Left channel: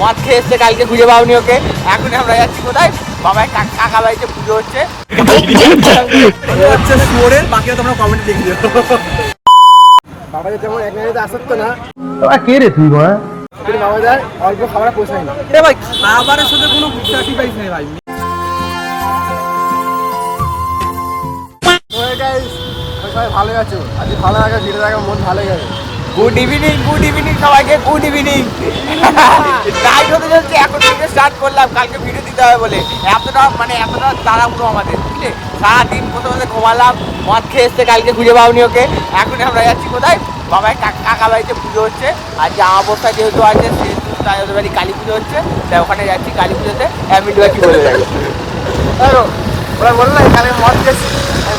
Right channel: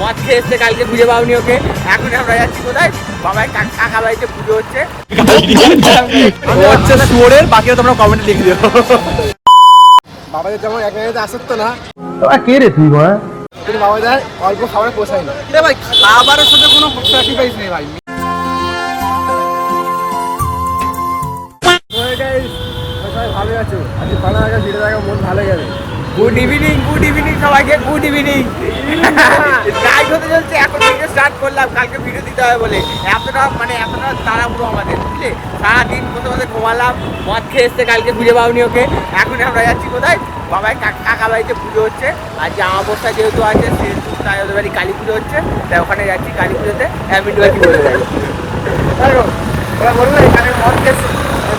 মদ খেয়ে এসছে, কালকে খুঁজে পাওনি ওকে। এখন আমরা যাচ্ছি কোথায়? বাবার কাকা বাড়িতে পুজো হচ্ছে। শুয়োরের বাকিও তোমরা কমেন্টে লিখে দিও। বাবাদের যেমন এক মিনিটে আসতো না, কে রে তুই ভাই? কিন্তু বাবাদের অল্প খাবার পোষায় না। ভাই খাবারের সাথে কোনো স্যাক্রিফাইস নেই ভাই। তো গাইস, সবাই ভালো আছো? আজ ভালো লাগে, ভিডিও দেখা মন ভালো যাবে। গুড ইভিনিং সবাইকে, গুড ইভিনিং। গাইড হতে চলছে, এখন ভিডিও স্টার্ট করলাম, কালকে ভিডিও দিতে হবে বলে। এতটা তাড়াহুড়ো আমাদের, বুঝলি? সারাদিন প্রথমে ঘুমালাম, মদ খেয়ে এসছে, কালকে খুঁজে পাওনি ওকে। এখন আমরা যাচ্ছি কোথায়? বাবার কাকা বাড়িতে পুজো হচ্ছে। আর যে অমাবস্যা যেহেতু আছে, সেহেতু তাই ওদের বাড়ি কালী পুজো হচ্ছে, তাই ওখানে যাচ্ছি কালী পুজোতে। ভিডিও কি বলে ওরা বললো না এখানে মদ খেয়েছি,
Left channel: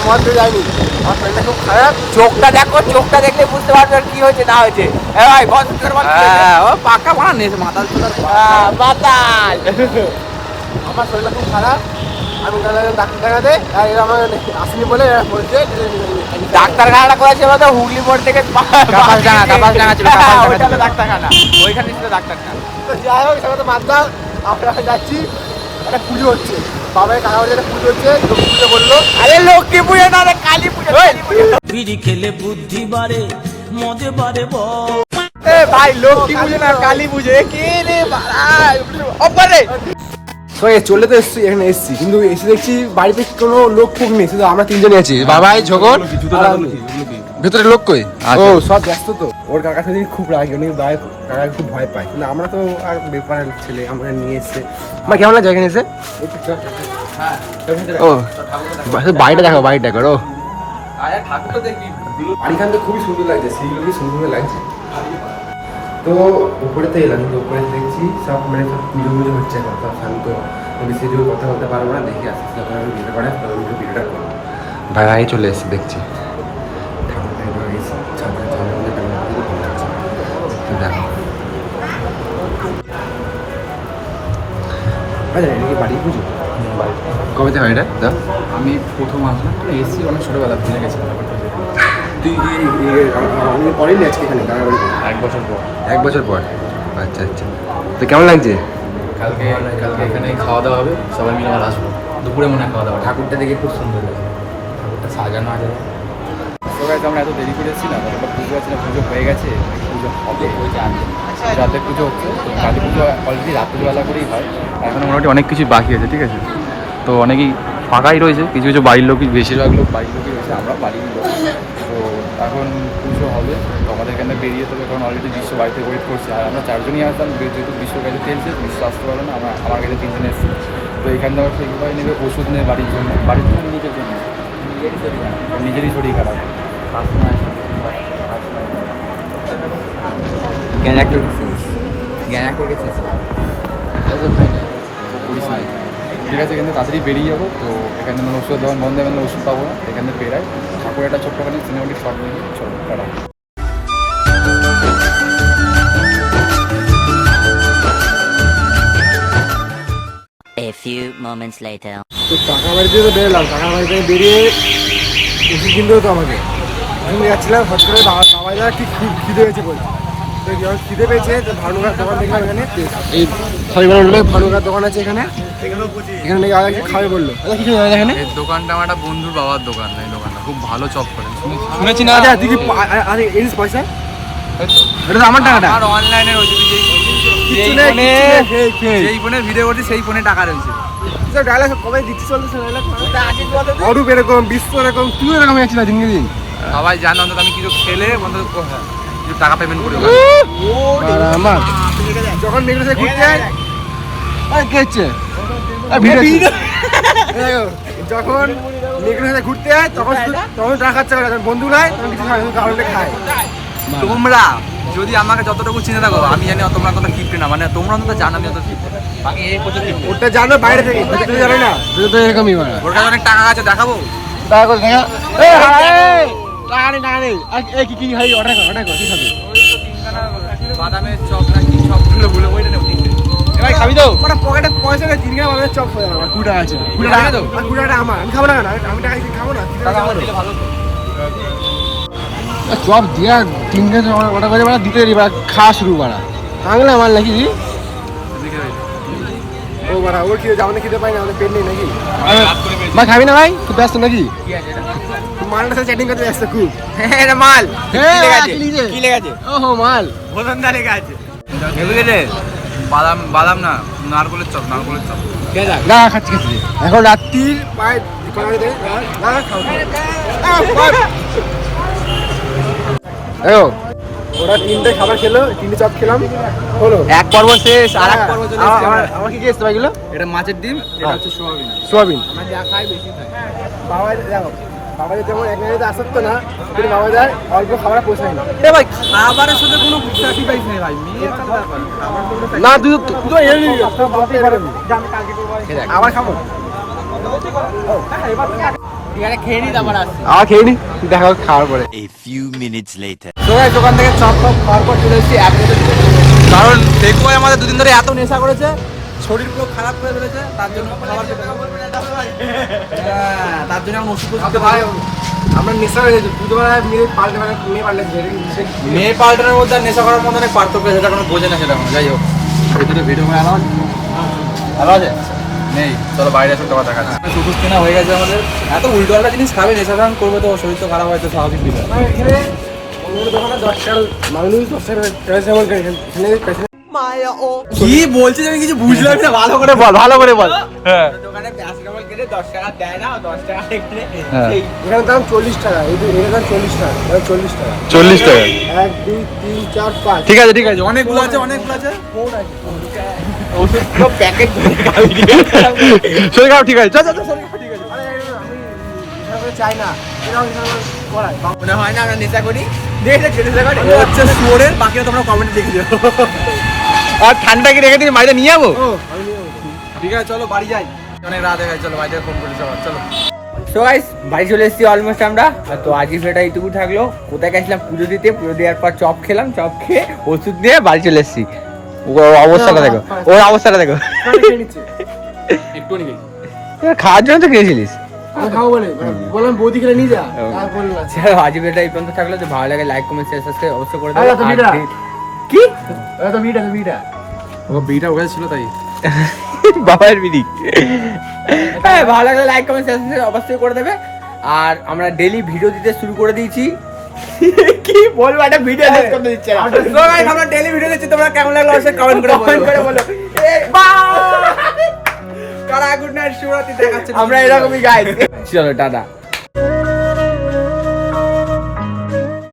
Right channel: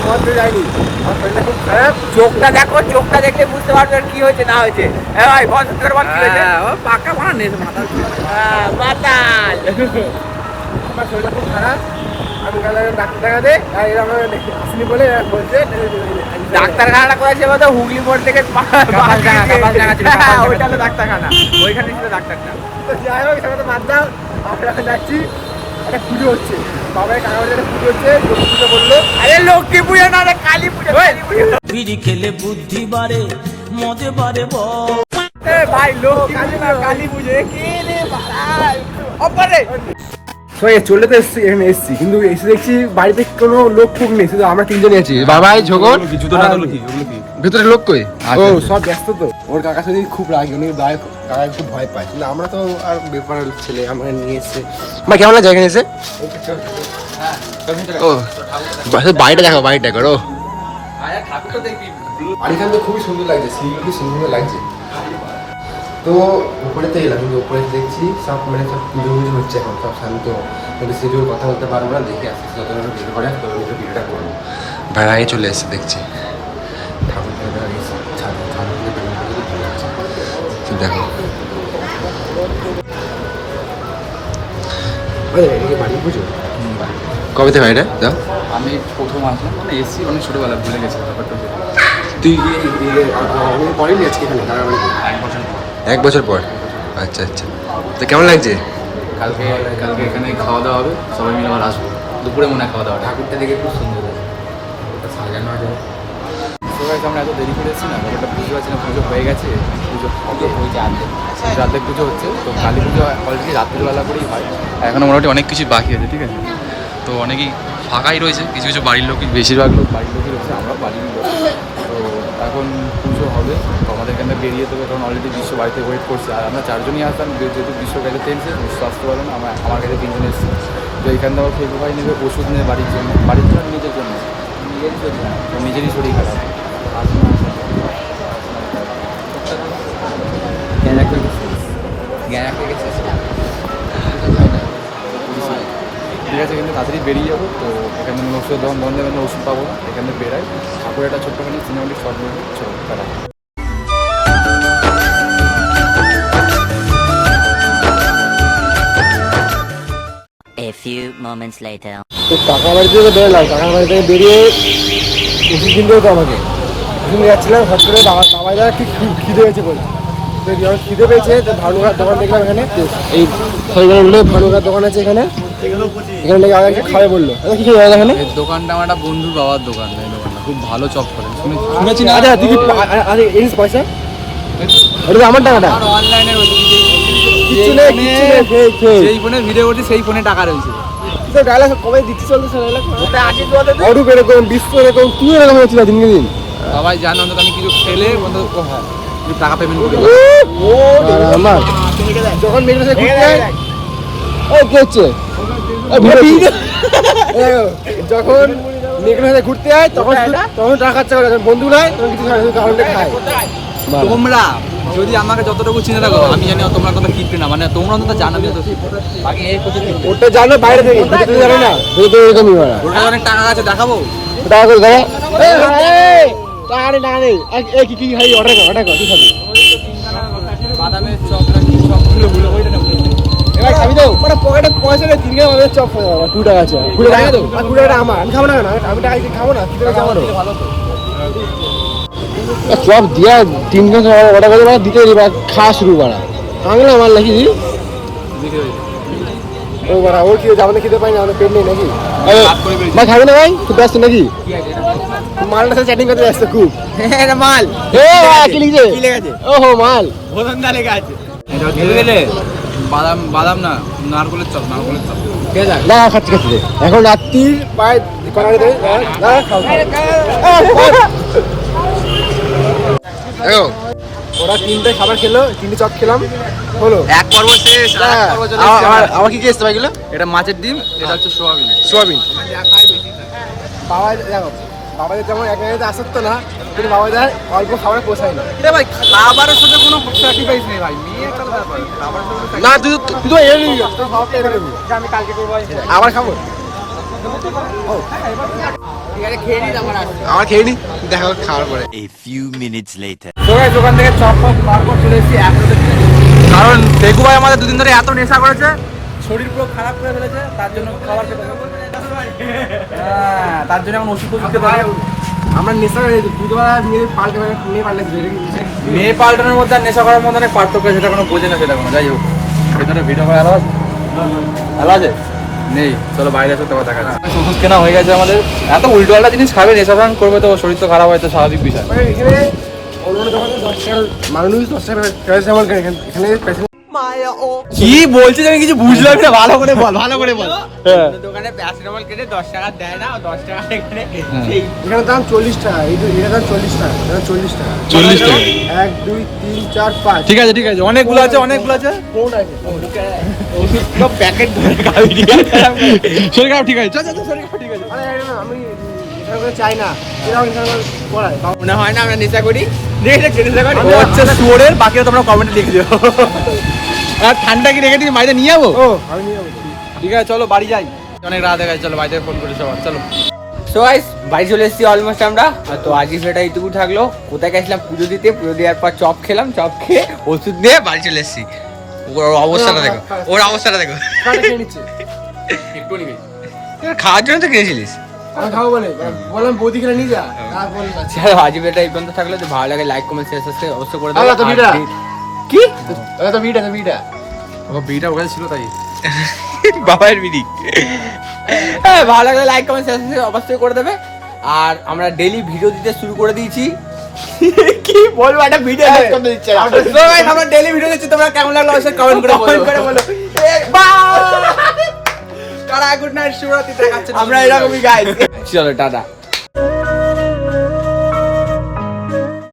মদ দিয়ে যায়নি, আমার শরীরটা খুব খারাপ। চোখটা দেখো, চোখটা দেখলে বুঝতে পারবে কি হয়েছে না হয়েছে। ভাই পাকা বানা নেই মাথা। মাতাল। আমার শরীরটা খুব খারাপ, আমি ডাক্তার দেখাতে, আর এরা আমার আসেনি বলে এরা বলছে ডাক্তারখানাটা করেছে বলতে হুগলি মোড় থেকে ওইখানে ডাক্তারখানা, ওইখানে ছিল ডাক্তারখানা। তো যাই হোক, সেটা তো বাদ দাও। আমরা যাচ্ছি, একটা পুজো হচ্ছে, বাবার কাকা বাড়িতে একটা পুজো হচ্ছে। লক্ষ্মী পুজো বললো, আরে লক্ষ্মী পুজো না, কালী পুজো। বিড়ি খেলে বুদ্ধি বাড়ে, মজে বাড়ে ভাই লক্ষ্মী পুজো না, কালী পুজো। কে রে ভাই? ওপারে চলে তো এসছি, এখানে এসছি, কিন্তু এসে দেখছি বাড়িতে কোনো লোক ফুক নেই, শুধু আমরা তিনজনই আছি, বাবাই, ঝগড় আর আমি। ভেতরে লোক কই? ও সব ব্যস্ত তো। ওর কাকার সাথে খুব রাগ, উনি কাকা খুব ভয় পায়, কিন্তু আমরা তো আর ব্যাপারের ছেলে, আমরা নিয়ে এসছে। না কেমন লাগে এখানে এসে? ও বাড়িটা দেখো, বাড়িটা করো। বাড়িখান তো খুবই সুন্দর লাগছে, সিনগুলো সুন্দর লাগছে। তো উপরে তো এলাম, কিন্তু উপরে দেখছি সব মানে সব পুজো পুজো হচ্ছে, এখন সব শান্ত। বেশি জোর কথা বলতে পারবো না, দেখে আসতে যতটা ভিডিও করে ততটা ভিডিওটা করবো। ভাড়ায় চলে এসেছি, দেখছি দেখো বাড়ি পুজো কবে থেকে বাড়িটা দাও? আমি প্রথম আসলাম, এসি অনেক ছোটবেলা, ভুলে গেছি ব্যাপারটা। তুই পড়েনি আজকে এখানে দাঁড়া বাড়িতে? 1 বছর পর। 1 বছর পর? আচ্ছা আচ্ছা। তো কেমন লাগছে? কালকে এখানে খাওয়া দাওয়া হবে, সবাই মিলে আবার আসবো দুপুরে, মনে হয় খাওয়া দাওয়া। ঠাকুরটা দেখে খুব সুন্দর লাগছে, ঠাকুরটা সাজানো আছে। সবাই আমরা এত দেরি করেছি না, ব্যাপারটা পুজো আছে না, পুজো হয়ে গেছে, পুজো হবে, রাতে পুজো হচ্ছে। তো কালী পুজো অলরেডি রাত্রিবেলা করেই হয়, এখন মোটামুটি অনেক কিছু বাকি আছে, ঠিক আছে? তো অনেকেই ফাঁকাই রয়েছে, কিছু কিছু বাড়ির লোকই, বেশিরভাগ লোক বাড়ির লোকই রয়েছে, আমরাও বাড়ির লোক। তো এখন পুজো হবে, তো আমাদের এখানে বেরিয়ে দেবে, কারণ অলরেডি বিশ্ব বাড়িতে ওয়েট করছে। আর আমরা 4 জনই আসতাম, যেহেতু বিশ্ব কাছে টেনছে, বিশ্ব আসতে পারে না, আমার কাছে 3 জন এসেছি। তো এইখান থেকে খেলবো ভাই, নেবে ওষুধ নেবে বাড়ির জন্য, নিজের জন্য, নিজেরই শরীর খারাপ। ঠিক আছে, এখানে তাড়াতাড়ি বেরিয়ে যাবো। তো এখানে ওষুধ দোকান বন্ধ, এখানে ওষুধ পাবো না, এখানে বেরাই ঠাকুর একটা ছোট্টখানি সিনেমাটিক শর্ট মুভি। চলো তারা A few moments later. তো কাকা বাড়িতে তো বেরোলাম, কাকা বাড়ি থেকে বেরিয়ে ওষুধ কিনতে হতো আমাকে। ওষুধ যাচ্ছিলাম, হট করে বাবা যা ঠিক খিদে পেয়েছে বলে। তো যখন খিদে পেয়েছে, তো ভানুকার দোকান দেখলাম এখানে, এই সবাই বললো ভানুকার দোকান আছে এখানে, এখানে নাকি আগে খাবে বললো। কিছু জানি এখানে এই দোকানটা আমার একটা বন্ধুর বাবার দোকান, এই দোকানটা খুব ভালো চপ করে শুনেছি না। আচ্ছা তুই কি এনিস পয়সা? এটা তো আমার টাকাটা। আর অনলাইনে রয়েছে, কিছু নেই, সেই ফোনে ভিডিও করছি, সেই ফোনে টাকা রয়েছে। ডায়লগ কবে দিচ্ছি চলতেছে ডায়লগ, অরূপ এরকম, বিশ্ব এরকম, তুই এরকম হয়েছিল দিনকে দিন। সবাই জানে অন্তত আমি কিছু খেলে অন্তত হ্যাঁ কিছু টাকা পেমেন্ট করি। আমার যখন মেঘনা সাথে ঘুরতে যায়, কে হচ্ছে যখন মেঘনা সাথে ঘুরতে যায়, তখন টাকা খরচা করে, বন্ধু নয় তখন কিছু কারণে খায়। তোমরা যদি আমাকে যতটুকু চিনে থাকো, আমি জানি তোমরা কত কিপটে না, মানে তোমরা অন্তত জানো আমি অত কিপটে। বাকি এই ওটা জানো বাইরে থেকে, ভিতরে জানো না, ভিতরে এরকমই মারা। ওর কাছে অনেক টাকা আছে, দেখাবো টাকা দেখা। কি খাই অর্ডার কর, কি খাবি? বাদামের চপ না কি চপ গুলো বলে ওইটা নেব কিনতে। এবার খাবি তো? ওটা পকেটে পয়সা নেই, 3 টাকা বাদামের চপ খাওয়া যাবে, 2 টাকা আছে। 2 টাকা তো? 2 টাকা আমার, আমি খাবো না, আমি টাকা দিয়ে খাবো না, 3 টাকা আমারও ভালো তো। চপ দিয়া 3 টাকা অর্ডার করে দিতে দিবা, খাওয়া শুরু করা বাংলা মাল নাকি? দেখে রয়েছে ও বাড়া ওর কি যাবো খেতে পাই না আমাদের পেট নেই নাকি ভাই খাবি না ভাই খুব ব্যস্ত নাকি কি আছে এটা মালটার সাথে চ্যাটিং করতে ব্যস্ত খুব এটা মাল কি লিখছে কি লেখা আছে ওহো মাল ভোজনদা লেখা আছে বাদাম বাদাম না নারকলের চপ নারকলের চপ ঠিক আছে না খাচ্ছি এখন রাত্রির প্রায় কটা বাজে না খাও ওরা 3টে খাবার খেলো 3টে চপ খেলাম হলো এক পর্ব শেষ আর এক পর্ব চলে আমার কি কি এসছে ভাইগুলো এটা মাছের ডিম এটা হচ্ছে সোয়াবিন সোয়াবিন আমরা যা খাই বেশি খাই বাবা দেখো বাবাদের যেমন এখানে আসতো না কিন্তু বাবা যায় অল্প খাবার পোষায় না ভাই খাবারের সাথে কোনো স্যাক্রিফাইস নেই ভাই মেয়ে একটা ব্যাপার খাবার না তুই তো এনে নিবি খাবারটা এনে নিবি আমি কালকে করবো আবার খাবো ঠিক আছে খেয়ে নিই তারপর আসছি আবার খেয়ে নি দেখা খাওয়ার পরে A few minutes later. তো গাইস দোকান থেকে চপ ফপ খাওয়ার পর চলে এসেছি কারণ দেখু ভাই আমাদের দুদিন ধরে এত নেশা করেছে শরীর পুরো খারাপ করে ফেলেছে তার জন্য খাবার খেতে হবে হ্যাঁ তার জন্য এখন ওষুধ খেতে হবে আমরা নেশা হয়ে গেছি তুই তো মেয়ে পাল্টে মেয়ে পাল্টানোর মধ্যে আর নেশা করার মধ্যে অনেক পার্থক্য আছে, সেটা কোনো বোঝে না, সেটা কোনো যাই হোক এখানে ভিডিও করে আলো আছে আলো আছে নেই, চলো বাইরে আসো তোমার দেখা যাচ্ছে। ওষুধ কেনা হয়ে গেছে আমাদের, এত উল্টোপাল্টা জিনিস খাবে নেশা ভাঙ করবে তো শরীর তো খারাপ হয়, তো স্বাভাবিক বিষয়। এখানে অন্য দোকানে 10 টাকা মানুষ 10 টাকা প্যারাসিটামল এখানে কি বলছিস আমি কিছু বুঝলাম না, ভালো করে বল ভালো করে বল। হ্যাঁ দোকানে প্যারাসিটামল কিনে 10 টাকা দেয় না 10 টাকা এখানে হ্যাঁ। এখানে দাম 40 টাকা এই এর দাম 40 টাকা 40 টাকা 40 টাকা 1 2 3 4 5 ঠিক আছে ঠিক আছে, অনেকগুলো আছে অনেকগুলো আছে কোড আছে ওষুধ পুরো প্যাকেট ধরে শরীর খারাপ ঠিক আছে, চল চল চল, শরীর খারাপ ঠিক আছে। আরে আমি নেশা করে চাই না এরকম নেশা করায় মনে হয় না আমরা নেশা করি দেখে নেশা করি ও হচ্ছে শুয়োরের, বাকিটা তোমরা কমেন্টে লিখে দিও। আর ঠান্ডা কি রেখে দিন বাইরে নিয়ে যাবো? ও আমি নিয়ে যাবো ঠিক আছে চলো বাড়ি যাই, অনেক রাত হয়ে গেছে, চলো বাড়িতে ফোন করে সবার, চলো। সো গাইস বাড়ি চলে এসেছি অলমোস্ট আমরা। আর তো আজকে ভিডিওটা এইটুকু থাকলো। কোথায় গেছিলাম পুজো দিতে, পুজো দেওয়ার পর চপ খেলাম, চপ খেয়ে ওষুধ নিয়ে বাড়ি চলে এসেছি। ওর অবস্থাটা দেখো, ওর অবস্থাটা দেখো। খেয়ে নিচ্ছি একটু নিবি খাওয়ার জন্য তো খেয়েছিলিস। আমি খাবো বলে বললাম বৌদি খেলে নিয়ে যা তারপর চলো আজকে ভিডিওটা এই পর্যন্ত থাকলো। যদি ভালো লাগে লাইক কমেন্ট শেয়ার সাবস্ক্রাইব অবশ্যই করে আরে তো দেবো। ভিডিও। কি তো বিটা ও বিটা ওখানে ছিল তাই বাবার বিড়ি। ভালো লাগলে লাইক কমেন্ট শেয়ার সাবস্ক্রাইব অবশ্যই করে দেবে। আর আমরা ডেইলি ভিডিও দিতে শুরু করে দিয়েছি। কি বলবো, একটা ভিডিও দেখতে করতে দিচ্ছে না। আমরা ডেইলি ভিডিও দিচ্ছি, তোমরা কেমন লাগলো অবশ্যই কমেন্ট করে বলো। আমরা এরকমই গাইস। চলো টাটা।